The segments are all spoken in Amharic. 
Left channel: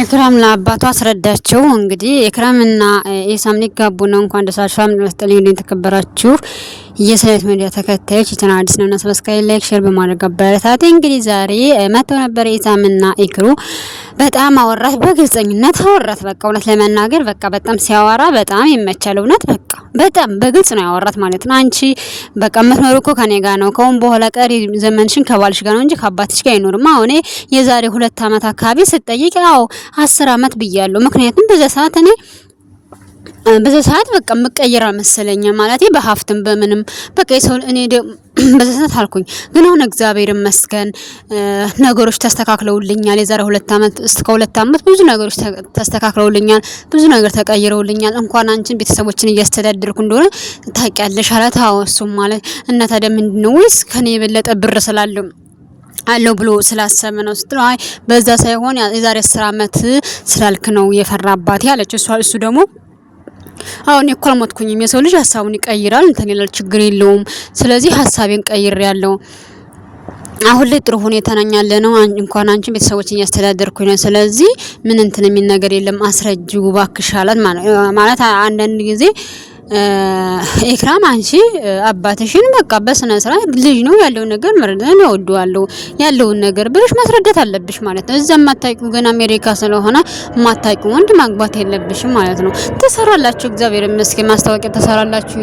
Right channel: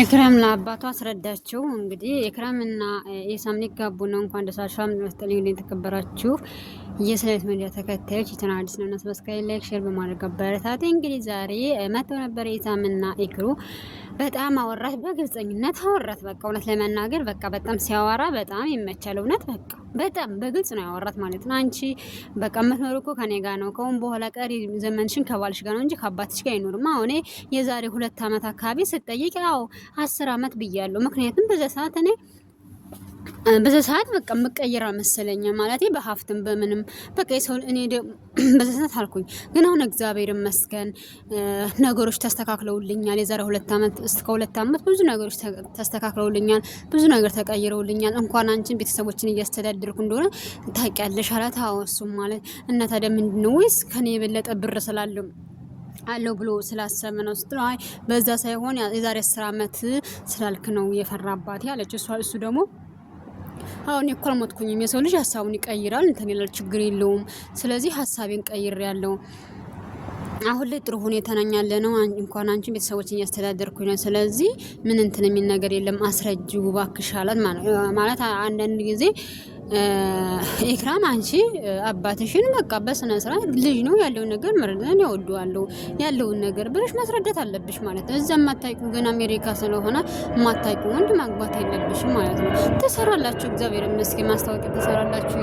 ኢክራም ለአባቷ አስረዳቸው። እንግዲህ ኢክራምና ኢሳም ሊጋቡ ነው። እንኳን ደስ አላችሁ። ሰላም ለስጠልኝ እንዴት ተከበራችሁ የሰለት ሚዲያ ተከታዮች የቻናል አዲስ ነውና ሰብስክራይብ፣ ላይክ፣ ሼር በማድረግ አበረታቱ። እንግዲህ ዛሬ መተው ነበር ኢሳምና ኢክሩ በጣም አወራት፣ በግልጽኝነት አወራት። በቃ እውነት ለመናገር በቃ በጣም ሲያወራ በጣም ይመቻል። እውነት በቃ በጣም በግልጽ ነው ያወራት ማለት ነው። አንቺ በቃ የምትኖር እኮ ከኔ ጋር ነው። ከአሁን በኋላ ቀሪ ዘመንሽን ከባልሽ ጋር ነው እንጂ ከአባትሽ ጋር አይኖርም። አሁን የዛሬ 2 አመት አካባቢ ስጠይቅ ያው 10 አመት ብያለሁ። ምክንያቱም በዛ ሰዓት በቃ መቀየር መሰለኝ ማለት በሀፍትም በምንም በቃ የሰው እኔ በዛ ሰዓት አልኩኝ። ግን አሁን እግዚአብሔር ይመስገን ነገሮች ተስተካክለውልኛል። የዛሬ 2 አመት እስከ 2 አመት ብዙ ነገሮች ተስተካክለውልኛል። ብዙ ነገር ተቀይረውልኛል። እንኳን አንቺን ቤተሰቦችን እያስተዳደርኩ እንደሆነ ታውቂያለሽ አላት። አዎ እሱም ማለት እና ታዲያ ምንድነው ወይስ ከኔ የበለጠ ብር ስላለው አለው ብሎ ስላሰበ ነው ስትለው፣ አይ በዛ ሳይሆን የዛሬ 10 አመት ስላልክ ነው የፈራባት ያለች እሱ ደግሞ አሁን እኮ አልሞትኩኝም። የሰው ልጅ ሀሳቡን ይቀይራል እንትን ይላል፣ ችግር የለውም። ስለዚህ ሀሳቤን ቀይሬያለሁ። አሁን ላይ ጥሩ ሁኔታ ነኝ ያለ ነው። እንኳን አንቺ ቤተሰቦችን እያስተዳደርኩኝ ነው። ስለዚህ ምን እንትን የሚል ነገር የለም። አስረጂው እባክሽ አላት ማለት አንዳንድ ጊዜ ኢክራም አንቺ አባትሽን በቃ በስነ ስርዓት ልጅ ነው ያለው ነገር መረዳት ነው ወደዋለው ያለውን ነገር ብለሽ ማስረዳት አለብሽ ማለት ነው። እዛም ማታውቂው ግን አሜሪካ ስለሆነ ማታውቂው ወንድ ማግባት የለብሽም ማለት ነው። ትሰራላችሁ፣ እግዚአብሔር ይመስገን ማስታወቂያ ትሰራላችሁ፣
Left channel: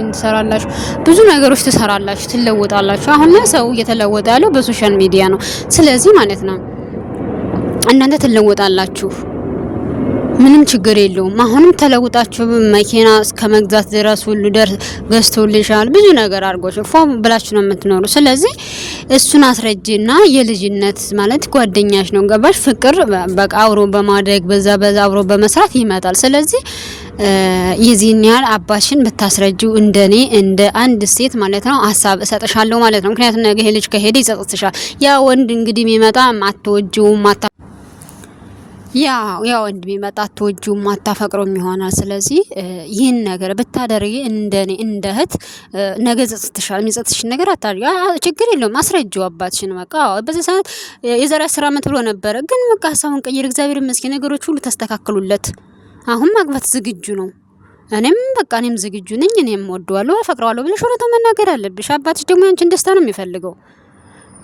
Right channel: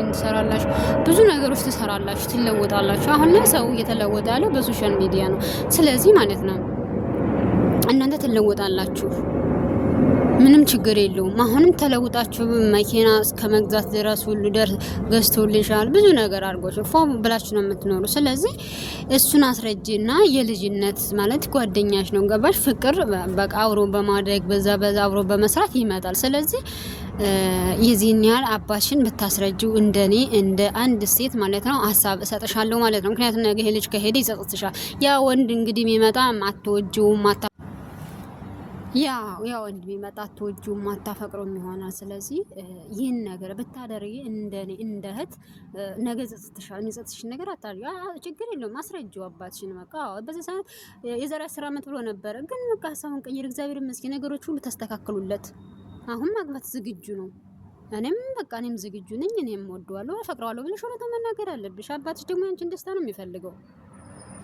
ብዙ ነገሮች ትሰራላችሁ፣ ትለወጣላችሁ። አሁን ላይ ሰው እየተለወጠ ያለው በሶሻል ሚዲያ ነው። ስለዚህ ማለት ነው እናንተ ትለወጣላችሁ፣ ምንም ችግር የለውም። አሁንም ተለውጣችሁ መኪና እስከ መግዛት ድረስ ሁሉ ገዝቶልሻል፣ ብዙ ነገር አድርጎሽ ፎም ብላችሁ ነው የምትኖሩ። ስለዚህ እሱን አስረጂና የልጅነት ማለት ጓደኛሽ ነው ገባሽ? ፍቅር በቃ አብሮ በማደግ በዛ አብሮ በመስራት ይመጣል። ስለዚህ የዚህን ያህል አባሽን ብታስረጂው እንደኔ እንደ አንድ ሴት ማለት ነው ሀሳብ እሰጥሻለሁ ማለት ነው። ምክንያቱም ነገ ይሄ ልጅ ከሄደ ይጸጽትሻል። ያ ወንድ እንግዲህ የሚመጣ አትወጂውም ያ ወንድ ቢመጣ አትወጂውም አታፈቅሮም ይሆናል። ስለዚህ ይህን ነገር ብታደርጊ እንደኔ እንደ እህት ነገ ጸጽትሻል። የሚጸጽትሽ ነገር አታድርጊ። ችግር የለውም አስረጂው አባትሽን። በቃ በዚህ ሰዓት የዛሬ 10 አመት ብሎ ነበረ፣ ግን በቃ ሀሳቡን ቀይር። እግዚአብሔር ይመስገን ነገሮች ሁሉ ተስተካክሉለት። አሁን ማግባት ዝግጁ ነው። እኔም ዝግጁ ነኝ። እኔም ወደዋለሁ አፈቅረዋለሁ ብለሽ እውነቱን መናገር አለብሽ። አባትሽ ደግሞ ያንቺን ደስታ ነው የሚፈልገው።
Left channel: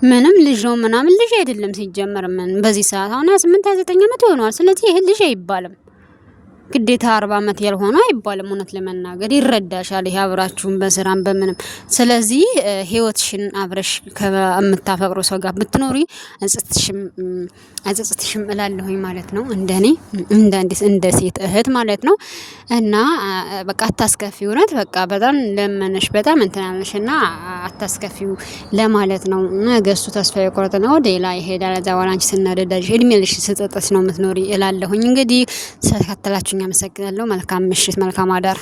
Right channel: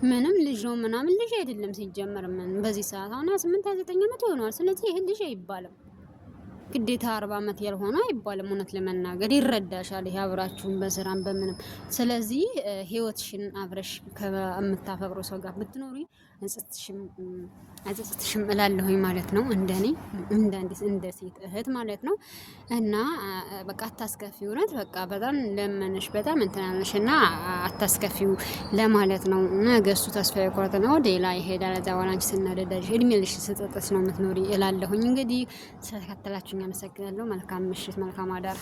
ምንም ልጅ ነው ምናምን ልጅ አይደለም ሲጀመር። ምን በዚህ ሰዓት አሁን 28 29 አመት ይሆናል። ስለዚህ ይሄ ልጅ አይባልም፣ ግዴታ 40 አመት ያልሆነ አይባልም። እውነት ለመናገር ይረዳሻል፣ ይሄ አብራችሁን በስራም በምንም። ስለዚህ ህይወትሽን አብረሽ ከምታፈቅሩ ሰው ጋር ብትኖሪ አጽጽትሽም እላለሁኝ ማለት ነው። እንደኔ እንደ ሴት እህት ማለት ነው። እና በቃ አታስከፊው። እውነት በቃ በጣም ለመነሽ በጣም እንትናለሽና አታስከፊው ለማለት ነው። ነገሱ ተስፋ የቆረጠ ነው ሌላ ይሄዳል። እዛ በኋላ አንቺ ስናደዳሽ እድሜልሽ ስጠጥስ ነው የምትኖሪ እላለሁኝ። እንግዲህ ስለተከታተላችሁኝ አመሰግናለሁ። መልካም ምሽት፣ መልካም አዳር።